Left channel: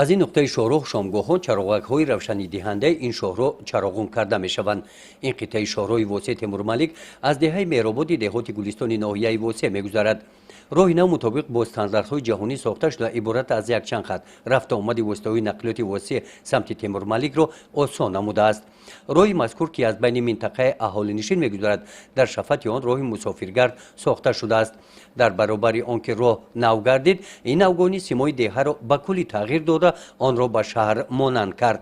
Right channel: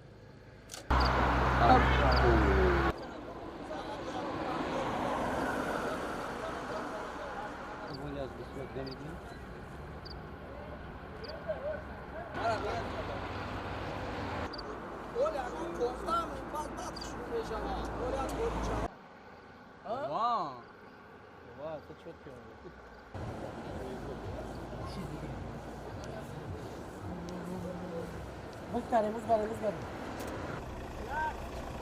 از این نقطه شاهراه شامگاه‌ها چراغک‌های روشنی‌دهنده این شهر را چراغان کرده می‌شوند. این قطعه شاهراه واسع تیمورملک از دهه مهرآباد دهات گلستان ناحیه واسع می‌گذرد. راه نو مطابق با استانداردهای جهانی ساخته شده عبارت از یک چند خط رفت آمد واسطه‌های نقلیات واسع سمت تیمورملک را آسان نموده است. راه مذکور که از بین منطقه اهالینشین می‌گذرد در شفت آن راه مسافرگرد ساخته شده است. در برابر آنکه راه نو گردید این نوگانی سیمای دهه را به کلی تغییر داده آن را به شهر مانند کرد.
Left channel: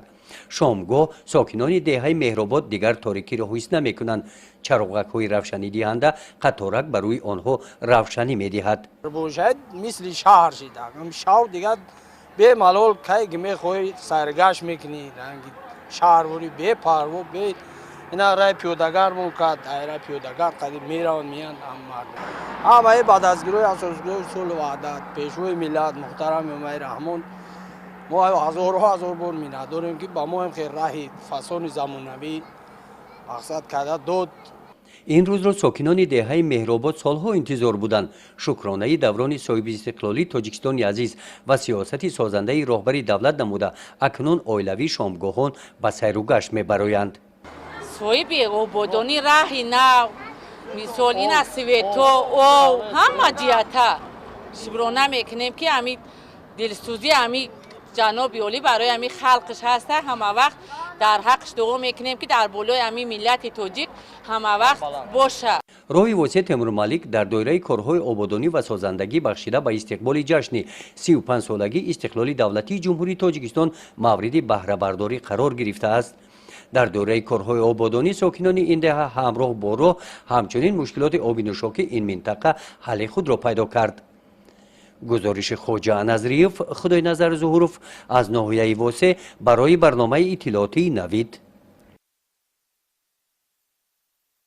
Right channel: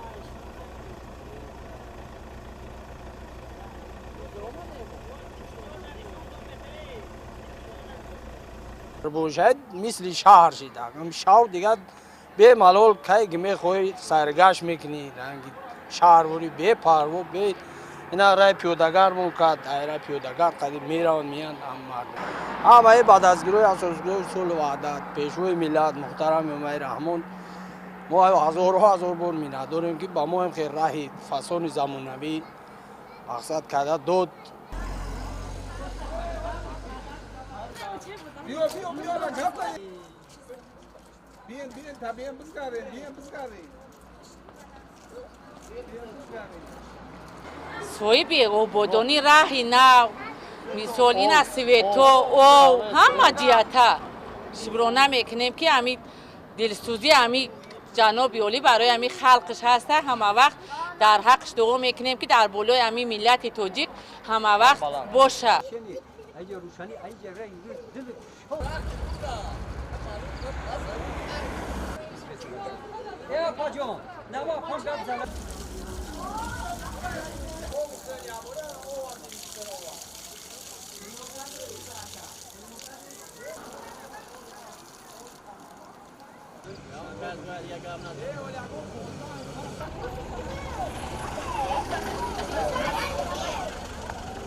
شامگاه ساکنان دهه مهرآباد دیگر تاریکی را حس نمی‌کنند. چراغک‌های روشنی دهنده قطارک بر روی آنها روشنی می‌دهد. باشد مثل شهر شده. شهر دیگر به ملال که می‌خوای سرگشت می‌کنی رنگ شهروری به پروا به اینا رای پیاده‌گر مونکد دایره پیاده‌گر قدیم میرون میان اما بعد از گروه اساسگروه اصول وحدت پیشوای ملت محترم امام رحمان ما هزار بار می‌ناد داریم که با ما هم خیر راهی فسان زمانوی مقصد کرده داد. این روز را ساکنان دهه مهرآباد سالها انتظار بودند. شکرانه دوران صاحب استقلالی تاجیکستان عزیز و سیاست سازنده راهبری دولت نموده اکنون اویلوی شامگاهان به سیر و گشت می‌برآیند. صاحب آبادانی راهی نو مثال این از سویتو او همه جهتا شبرانه میکنیم که همی دلسوزی همی جناب اولی برای همی خلقش هسته همه وقت در حقش دعا میکنیم که در بالای همی ملت تاجیک همه وقت باشه. راه واسع تیمورملک در دایره کارهای آبادانی و سازندگی بخشیده به استقبال جشن 35 سالگی استقلال دولتی جمهوری تاجیکستان مورد بهره برداری قرار گرفته است. در دوره کارهای آبادانی ساکنان این دهه همراه با راه همچنین مشکلات آبی نوشاکی این منطقه حل خود را پیدا کرد. گزارش خواجه نظریف خدای نظر ظهوروف از ناحیه واسع برای برنامه اطلاعاتی نوید.